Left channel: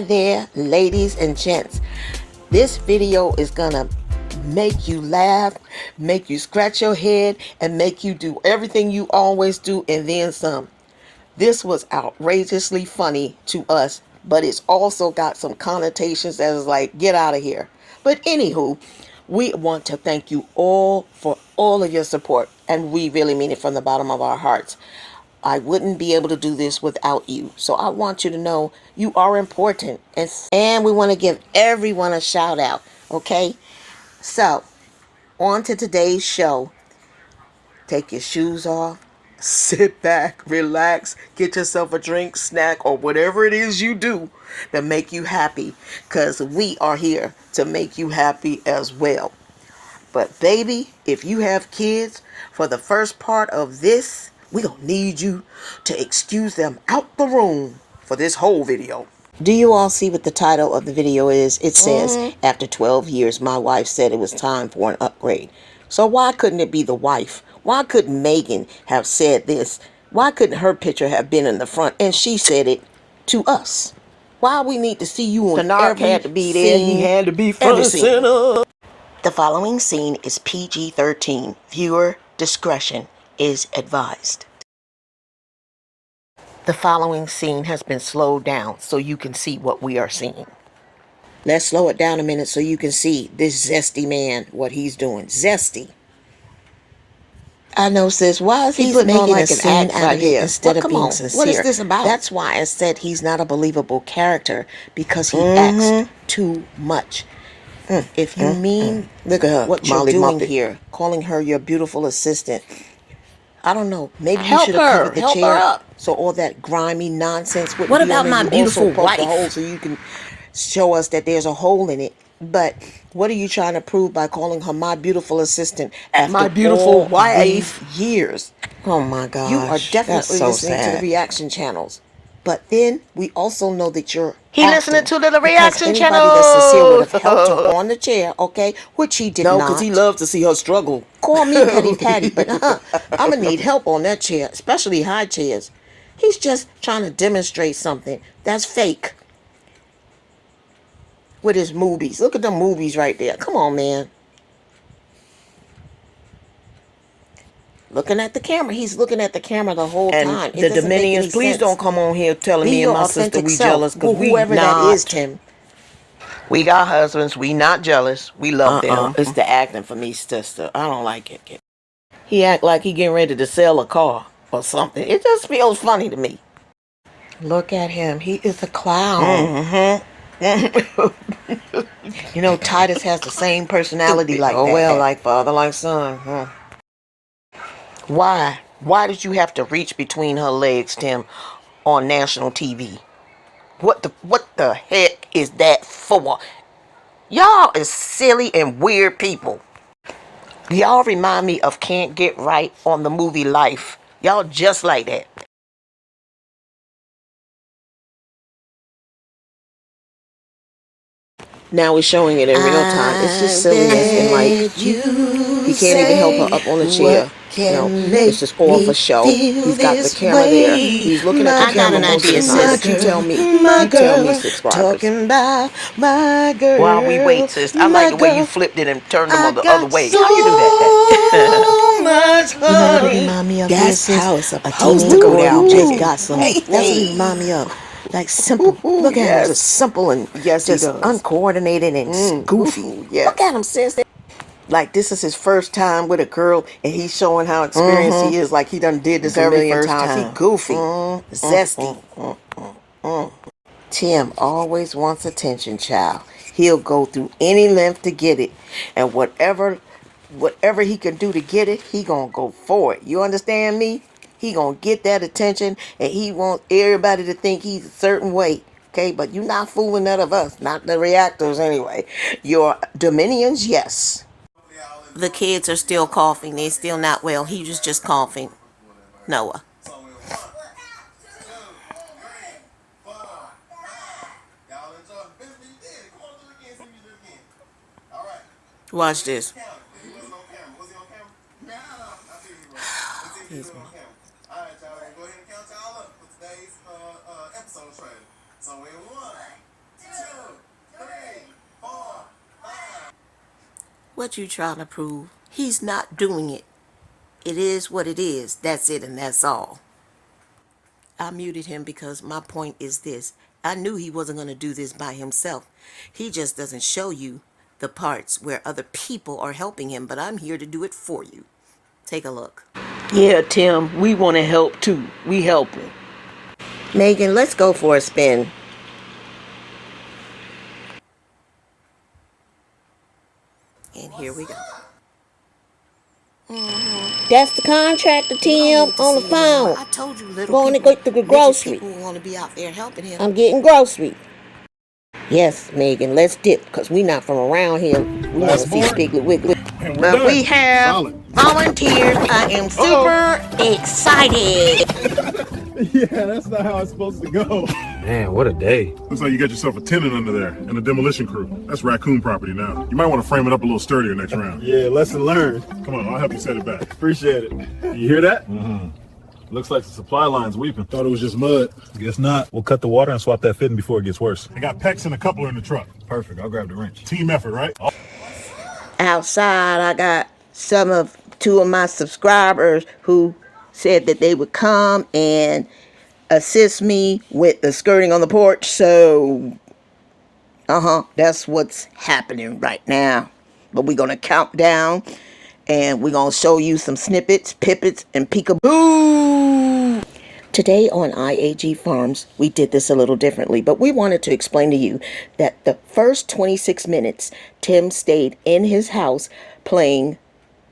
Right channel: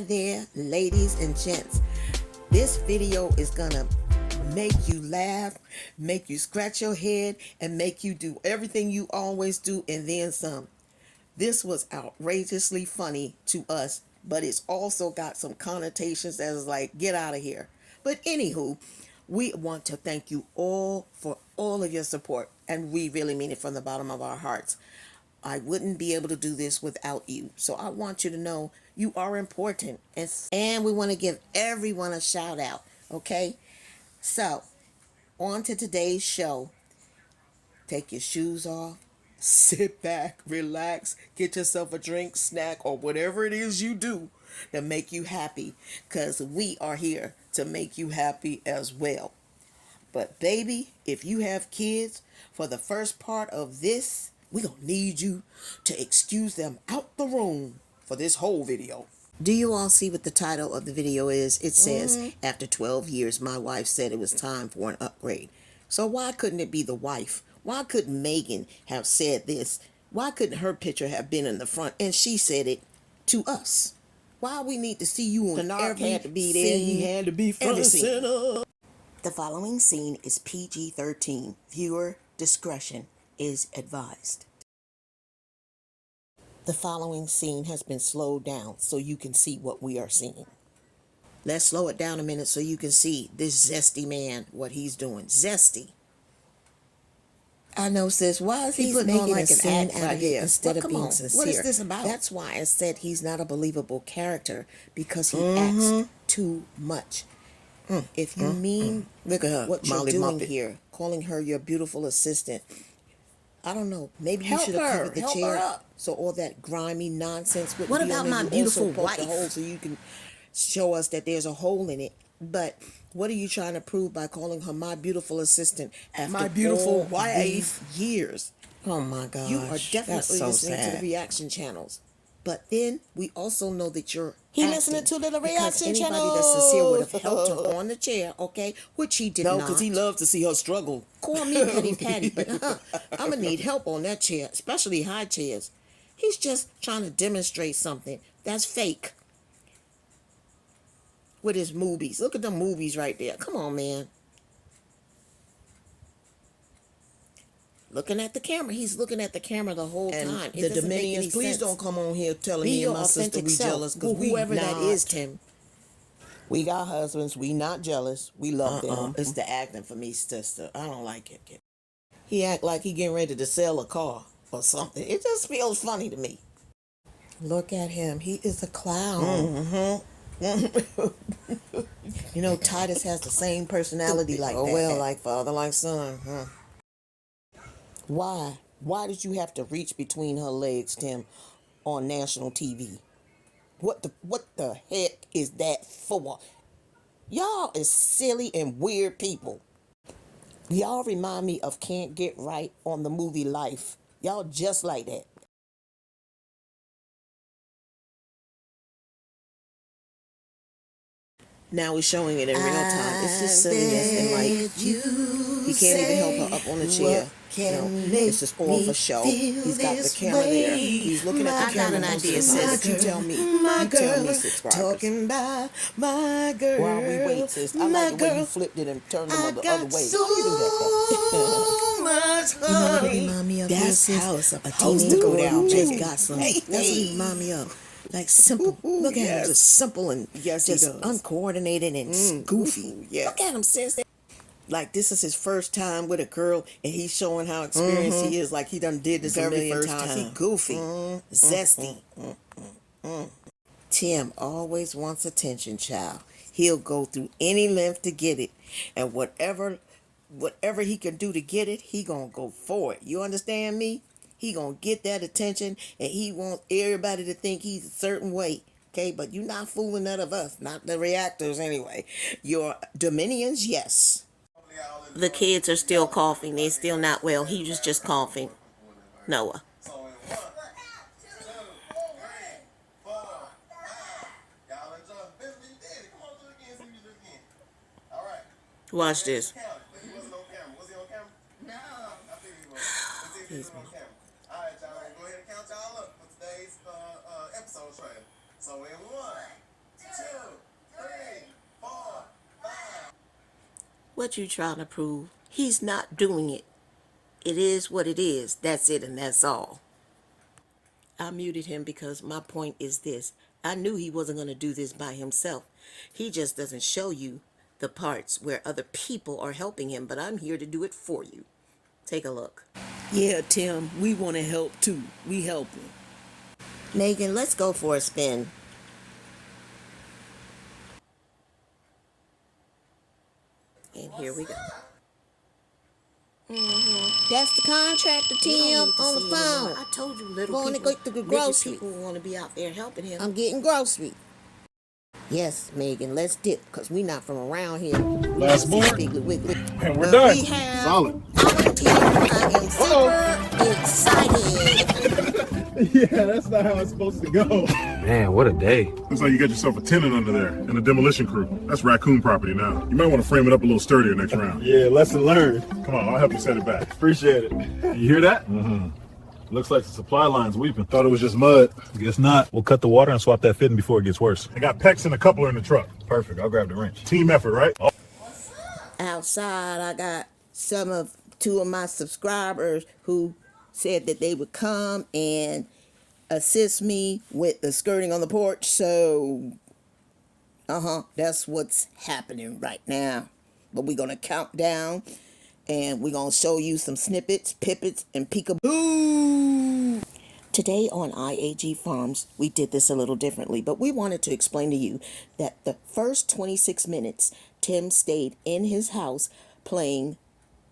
Hi there, ladies and gents. This video is gonna make you laugh, make you scratch your head, and make you do everything you always do and then some. This was outrageously funny to us, but it's also got some connotations as like, get out of here. But anywho, we want to thank you all for all of your support, and we really mean it from the bottom of our hearts. I wouldn't be able to do this without you. So I want you to know you are important. And we want to give everyone a shout out. Okay? So, on to today's show. Take your shoes off. Sit back, relax, get yourself a drink, snack, or whatever it is you do to make you happy. Because we are here to make you happy as well. But baby, if you have kids, for the first part of this, we gonna need you to excuse them out the room for this whole video. Do you all see what the title of the video is? It says, after 12 years, my wife said it was time for an upgrade. So why couldn't it be the wife? Why couldn't Megan have said this? Why couldn't her picture have been in the front and she said it to us? Why we need to see you on every had to be there. He had to be front and center. The following scene is PG-13. Viewer discretion is advised. The following scene has been slowed down so you can see what we are seeing. Let's slow it down a minute so you can see this zesty man, what he's doing. Zesty. I know, sis. Why is he putting on like an act out of it instead of being sincere? What is this about? That's why I said he's not a believable character, because he acts too much. If you mean what you're doing here, calling her your beautiful assistant, I don't know. Maybe you should have covered the chair so all that grimy nonsense wouldn't be on there. What about my beautiful wife? So you can show us that there's a hole in it. But what are you trying to prove by calling her my beautiful assistant after my beautiful wife years? Oh my gosh. You are definitely listening to the reaction channels. But then we also know that you're listening to the reaction channel. Anybody that's sincere would have helped her on the chair, okay? Which he did not. No, because he loves to see her struggle. Call me Petty Patty, but I'm going to need help on that chair, especially high chairs. He's just trying to demonstrate something that's fake with his movies. Look at the movies right there. Come on, man. Looking at the camera. He's looking at the camera the whole time. The Dominions, please don't come on here telling me and my sister we jealous, because we whoever that is, Tim. We got husbands. We not jealous. We love them. It's the acting for me, sister. I don't like it. He act like he getting ready to sell a car or something. It just feels funny to me. Look at him. He is a clown. You know, Titus has the same personality like that. Oh, well, like father, like son, huh? Why? Why did you have to reach between her legs, Tim, on national TV? What the heck is that for? Y'all is silly and weird people. Y'all remind me of Can't Get Right on the movie Life. Y'all just like that. Now we're showing it in real time. It's just silliness and like he can't even help her up on the chair. No, it's just all for show. He's got the camera there. He's looking at the camera most of the time. But you tell me, subscribers. While we wait, sis, I like the way you flipped it and turned them on the other way. How you do that? You know what it remind me of? That's how it's supposed to go down. Just got some. That's what it remind me of. Like simple. Look at him, just simple and just uncoordinated and goofy. Look at him, sis. Like this is his first time with a girl, and he's showing how experienced he is. Like he done did this a million times. He goofy, zesty. Tim always wants attention, child. He'll go through any length to get it, and whatever he can do to get it, he gonna go for it. You understand me? He gonna get that attention, and he wants everybody to think he's a certain way. Okay, but you're not fooling none of us, not the reactors anyway. Your Dominions, yes. The kids are still coughing. They're still not well. He was just coughing. Noah. Watch this. What you trying to prove? He's not doing it. It is what it is. That's it and that's all. I muted him because my point is this. I knew he wasn't going to do this by himself. He just doesn't show you the parts where other people are helping him, but I'm here to do it for you. Take a look. Yeah, Tim, we want to help too. We helping. Megan, let's go for a spin. And here we go. That's the contractor, Tim, on the phone. I told you, little going people, to go to the grocery. People want to be out there helping him. I'm getting grocery. Yes, Megan, let's dip, because we not from around here. We want to see Piggly Wiggly. And we're done. We have volunteers. I am super excited. Yeah, that's not how it's supposed to go. Man, what a day. Looks like you got yourself a tenant under there and a demolition crew. That's raccoon property now. You might want to frame it up a little sturdier next round. Yeah, lesson learned. Come on, I'll help you set it back. Appreciate it. You hear that? Mm-hmm. Looks like the supply line's weeping. Thought it was just mud. Guess not. We'll cut the water and swap that fitting before it gets worse. I got PEX and a coupler in the truck. Perfect. I'll grab the wrench. Team effort, right? Oh. Outside, I got two of my subscribers who said that they would come and assist me with the skirting on the porch. So, that's what's happening right now. But we're going to count down and we're going to show you some snippets, pippets, and peekaboo. Today on IAG Farms, we did this a little differently, but we wanted to explain to you that the first 26 minutes, Tim stayed in his house playing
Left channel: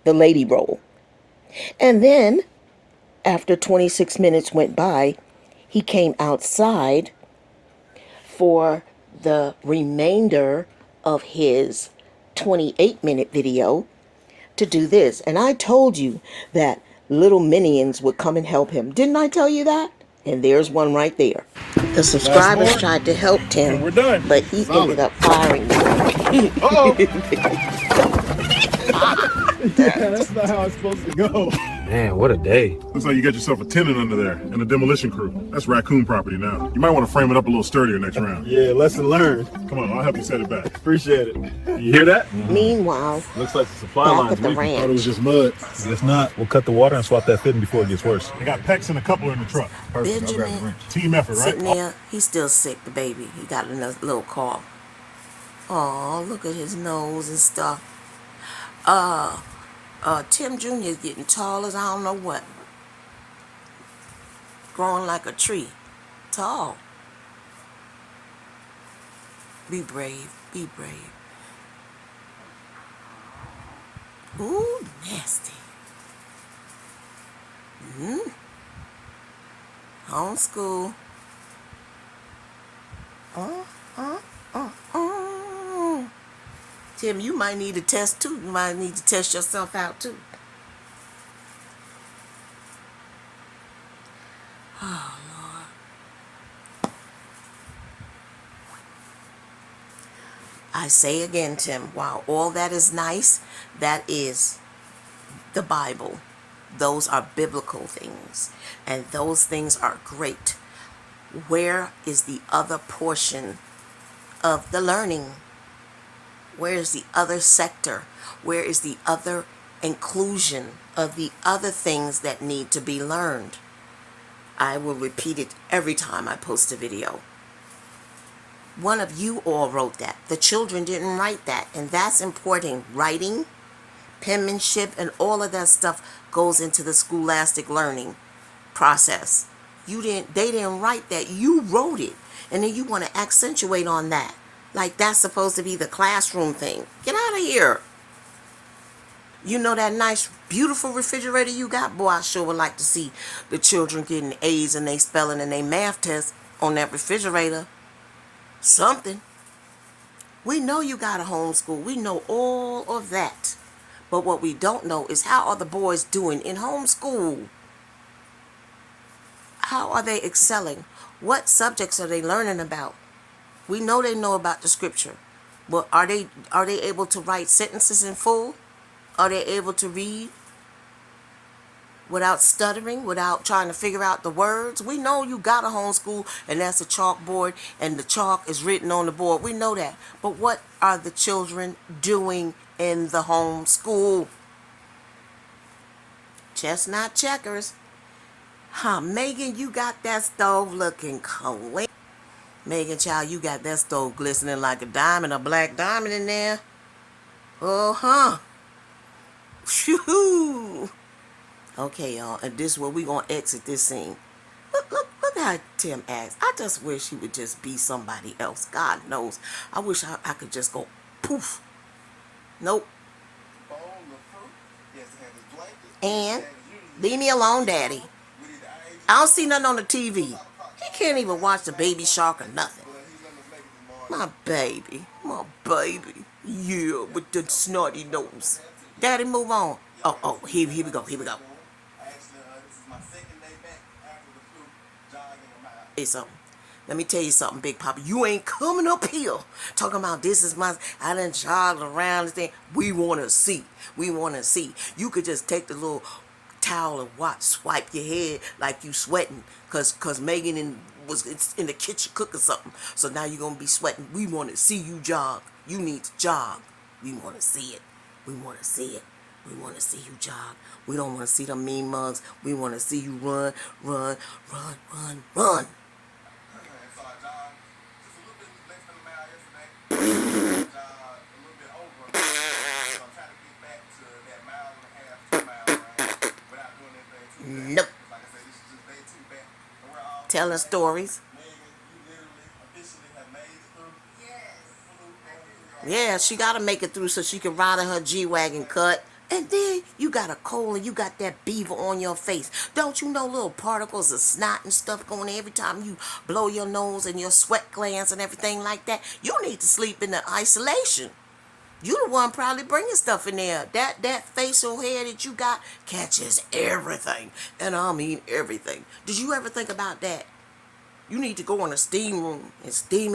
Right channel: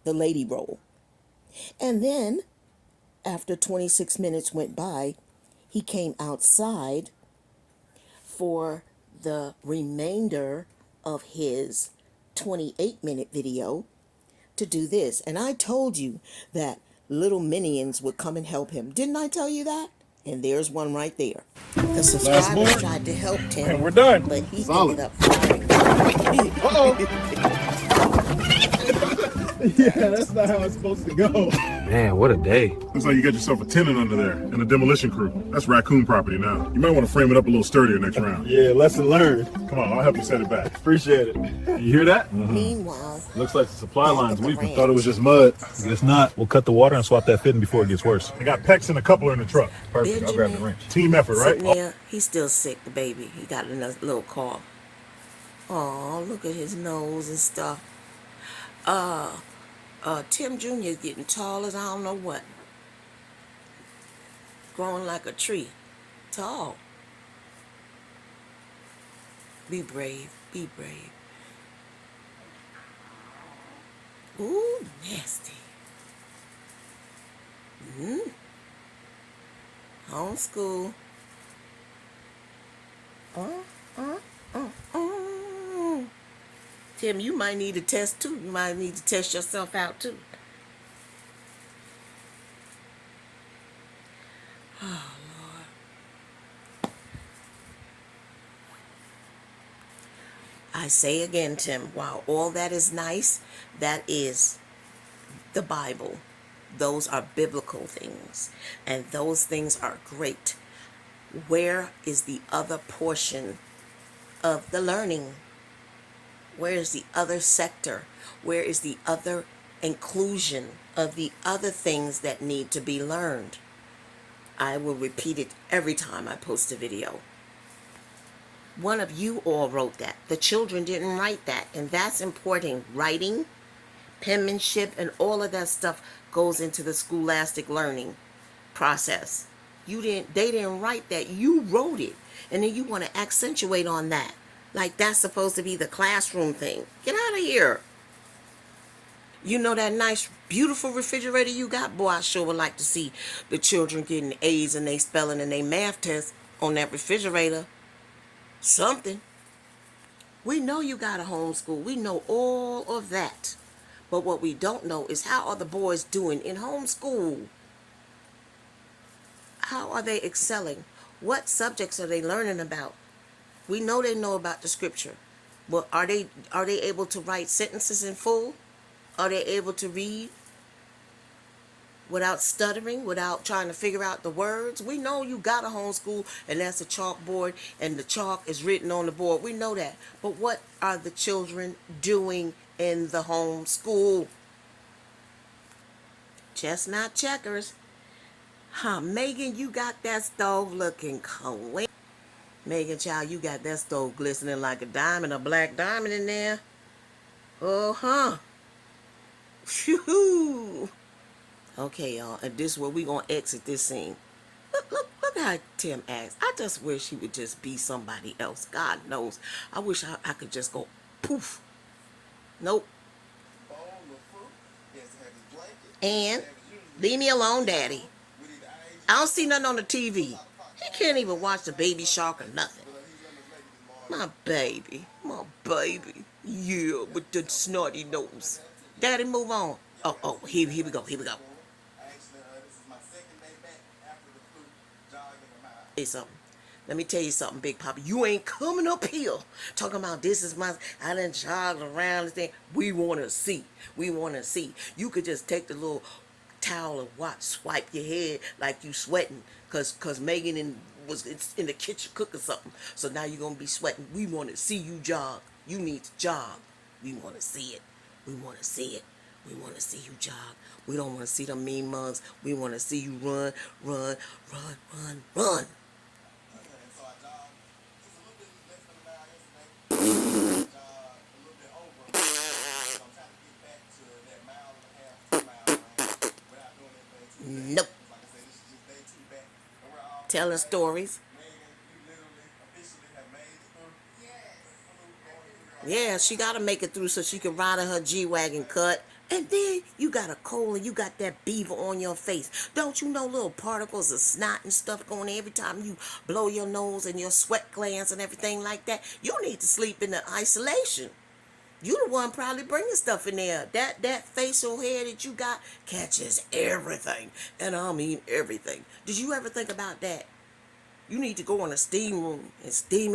the lady role. And then, after 26 minutes went by, he came outside for the remainder of his 28-minute video to do this. And I told you that little minions would come and help him. Didn't I tell you that? And there's one right there. The subscribers tried to help Tim, and we're done. but he ended up firing them. Yeah, that's not how it's supposed to go. Man, what a day. Looks like you got yourself a tenant under there and a demolition crew. That's raccoon property now. You might want to frame it up a little sturdier next round. Yeah, lesson learned. Come on, I'll help you set it back. Appreciate it. You hear that? Mm-hmm. Meanwhile, looks like the supply line's weeping. Thought it was just mud. Guess not. We'll cut the water and swap that fitting before it gets worse. I got PEX and a coupler in the truck. Perfect. I'll grab the wrench. Team effort, right? There, he's still sick, the baby. He got a little cough. Oh, look at his nose and stuff. Tim Jr. is getting tall as I don't know what. Growing like a tree. Tall. Be brave. Be brave. Ooh, nasty. Homeschool. Tim, you might need a test too. You might need to test yourself out too. Oh, Lord. I say again, Tim, while all that is nice, that is the Bible. Those are biblical things, and those things are great. Where is the other portion of the learning? Where is the other sector? Where is the other inclusion of the other things that need to be learned? I will repeat it every time I post a video. One of you all wrote that. The children didn't write that, and that's important. Writing, penmanship, and all of that stuff goes into the scholastic learning process. They didn't write that. You wrote it, and then you want to accentuate on that. Like that's supposed to be the classroom thing. Get out of here. You know that nice, beautiful refrigerator you got? Boy, I sure would like to see the children getting A's in their spelling and their math tests on that refrigerator. Something. We know you got a homeschool. We know all of that. But what we don't know is how are the boys doing in homeschool? How are they excelling? What subjects are they learning about? We know they know about the scripture, but are they able to write sentences in full? Are they able to read? without stuttering, without trying to figure out the words. We know you got a homeschool and that's a chalkboard and the chalk is written on the board. We know that. But what are the children doing in the homeschool? Chestnut checkers. Huh, Megan, you got that stove looking clean. Megan, child, you got that stove glistening like a diamond, a black diamond in there. Uh-huh. Phew. Okay, y'all, and this is where we gonna exit this scene. Look how Tim acts. I just wish he would just be somebody else. God knows. I wish I could just go poof. Nope. And leave me alone, Daddy. I don't see nothing on the TV. He can't even watch the Baby Shark or nothing. My baby. My baby. Yeah, with the snotty nose. Daddy, move on. Oh, here we go. Hey, something. Let me tell you something, Big Papa. You ain't coming up here talking about this is my. I done jogged around this thing. We want to see. You could just take the little towel and swipe your head like you sweating, cause Megan was in the kitchen cooking something. So now you're gonna be sweating. We want to see you jog. You need to jog. We want to see it. We want to see you jog. We don't want to see them mean mugs. We want to see you run. Nope. Telling stories. Yeah, she gotta make it through so she can ride in her G-Wagon cut. And then you got a cold and you got that beaver on your face. Don't you know little particles of snot and stuff going every time you blow your nose and your sweat glands and everything like that? You need to sleep in the isolation. You the one probably bringing stuff in there. That facial hair that you got catches everything. And I mean everything. Did you ever think about that? You need to go in a steam room and steam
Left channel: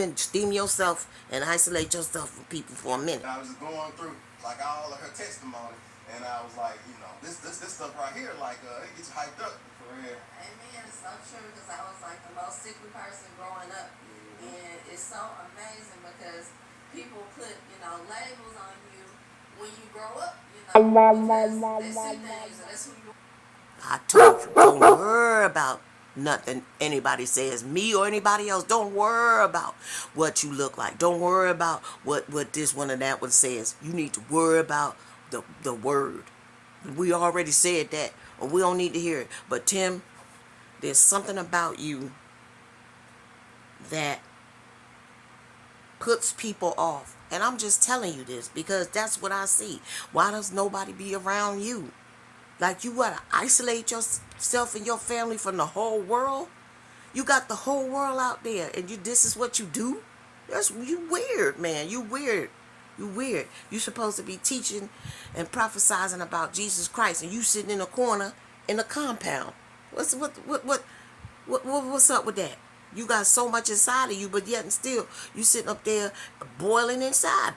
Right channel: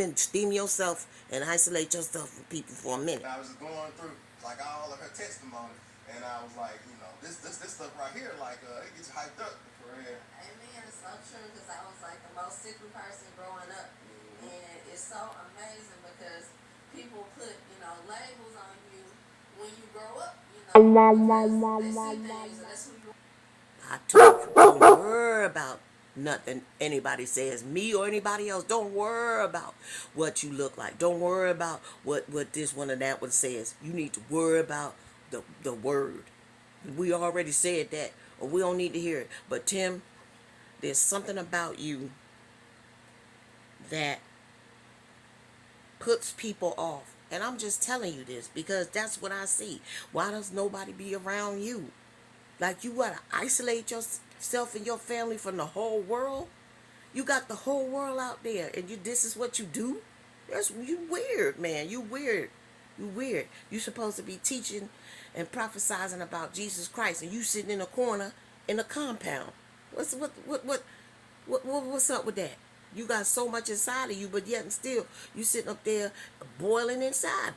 yourself and isolate yourself from people for a minute. I was just going through like all of her testimony, and I was like, this stuff right here, like it gets you hyped up for real. Amen. So true, because I was like the most sickly person growing up, and it's so amazing because people put labels on you when you grow up, because they see things, and that's who you are. I told you, don't worry about nothing anybody says, me or anybody else. Don't worry about what you look like. Don't worry about what this one and that one says. You need to worry about the word. We already said that, or we don't need to hear it. But Tim, there's something about you that puts people off. And I'm just telling you this because that's what I see. Why does nobody be around you? Like, you gotta isolate yourself and your family from the whole world? You got the whole world out there, and this is what you do? You weird, man. You weird. You supposed to be teaching and prophesizing about Jesus Christ, and you sitting in a corner in a compound. What's up with that? You got so much inside of you, but yet and still you sitting up there boiling inside,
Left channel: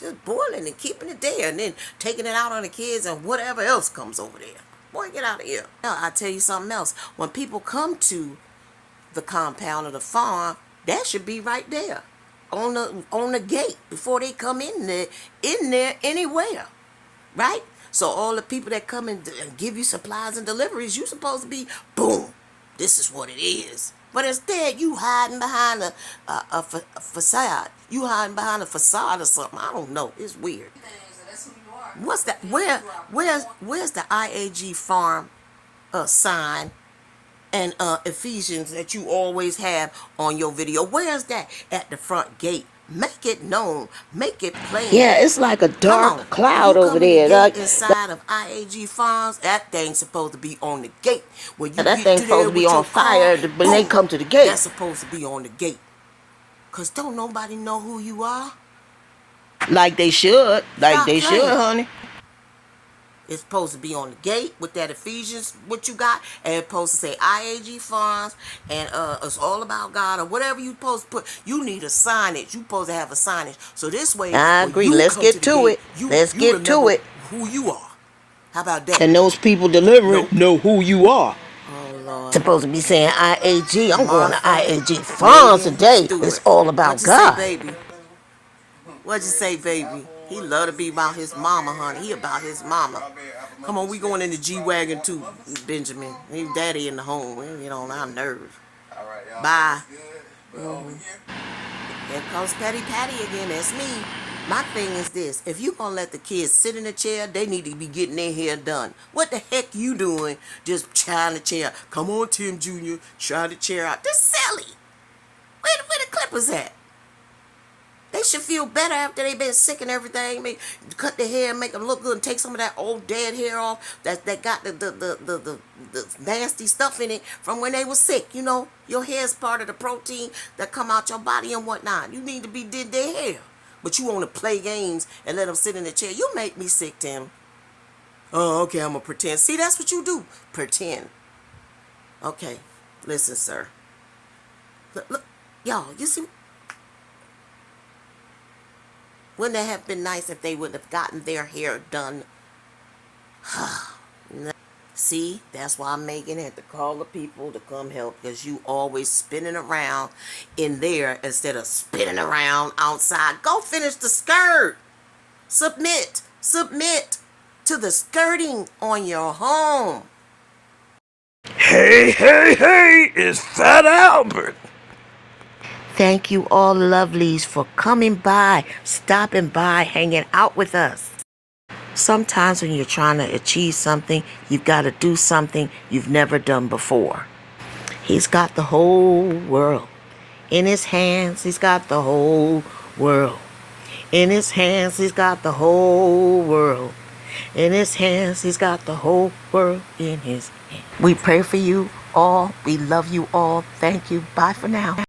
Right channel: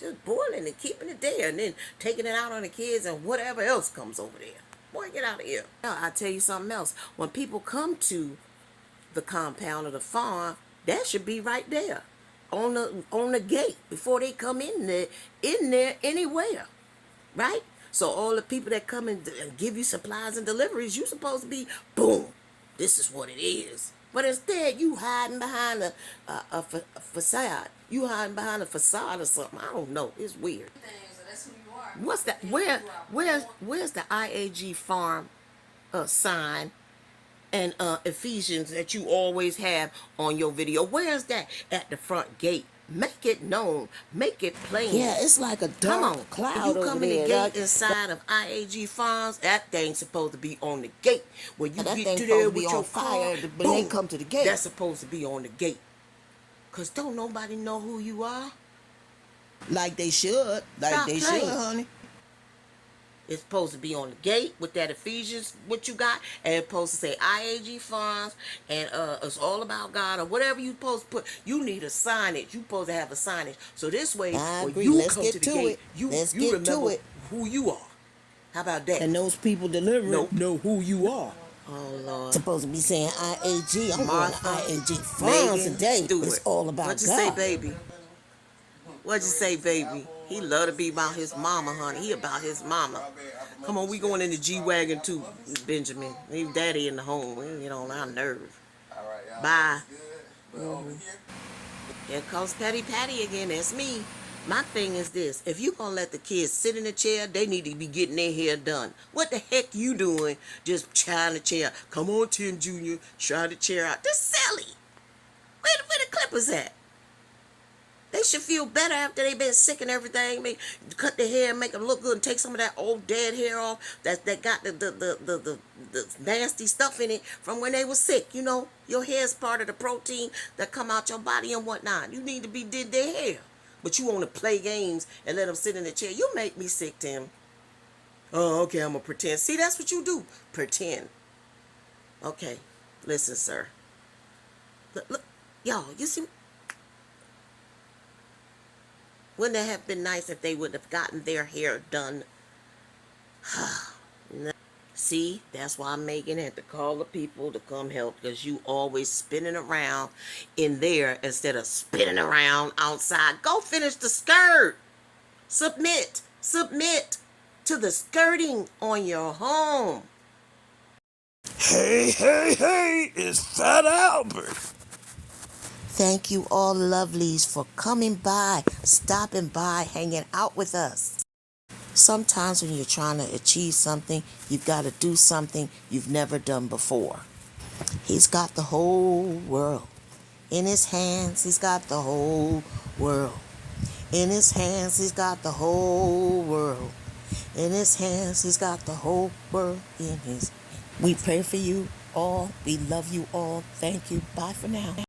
just boiling and keeping it there, and then taking it out on the kids and whatever else comes over there. Boy, get out of here. Now, I'll tell you something else. When people come to the compound or the farm, that should be right there on the gate before they come in there anywhere, right? So all the people that come and give you supplies and deliveries, you supposed to be, boom, this is what it is. But instead, you hiding behind a facade. You hiding behind a facade or something. I don't know. It's weird. That's who you are. What's that? Where's the IAG farm sign and Ephesians that you always have on your video? Where's that? At the front gate. Make it known. Make it plain. Yeah, it's like a dark cloud over there. Like inside of IAG Farms, that thing's supposed to be on the gate. When you that get thing's to supposed there to be with on your fire car, when they boom, come to the gate. That's supposed to be on the gate. Cause don't nobody know who you are. Like they should. Stop playing, honey. It's supposed to be on the gate with that Ephesians, what you got, and it's supposed to say IAG Farms, and it's all about God, or whatever you supposed to put. You need a signage. You supposed to have a signage. So this way, I agree. Let's get to it. Let's get to it. Who you are. How about that? And those people delivering Nope. know who you are. Oh, Lord. Supposed to be saying IAG. I'm going to Martha, IAG FARMS Meagan, today. Stewart. It's all about What'd you God. say, baby? What'd you say, baby? He love to be about his mama, honey. He about his mama. Come on, we going in the G-Wagon too, Benjamin. His daddy in the home. We get on our nerves. All right, y'all. Bye. Good. But over here, Here comes Patty Patty again. That's me. My thing is this. If you gonna let the kids sit in the chair, they need to be getting their hair done. What the heck you doing just trying the chair? Come on, Tim Jr., try the chair out. That's silly. Where the clippers at? They should feel better after they've been sick and everything. Cut their hair, make them look good, and take some of that old dead hair off that got the nasty stuff in it from when they were sick. You know, your hair is part of the protein that come out your body and whatnot. You need to be did their hair. But you want to play games and let them sit in the chair. You make me sick, Tim. Oh, okay, I'm going to pretend. See, that's what you do. Pretend. Okay, listen, sir. Look, y'all, you see? Wouldn't that have been nice if they would have gotten their hair done? See, that's why Megan had to call the people to come help, because you always spinning around in there instead of spinning around outside. Go finish the skirt. Submit to the skirting on your home. Hey, it's Fat Albert. Thank you all lovelies for coming by, stopping by, hanging out with us. Sometimes when you're trying to achieve something, you've got to do something you've never done before. He's got the whole world in his hands. He's got the whole world in his hands. He's got the whole world in his hands. He's got the whole world in his hands. We pray for you all. We love you all. Thank you. Bye for now.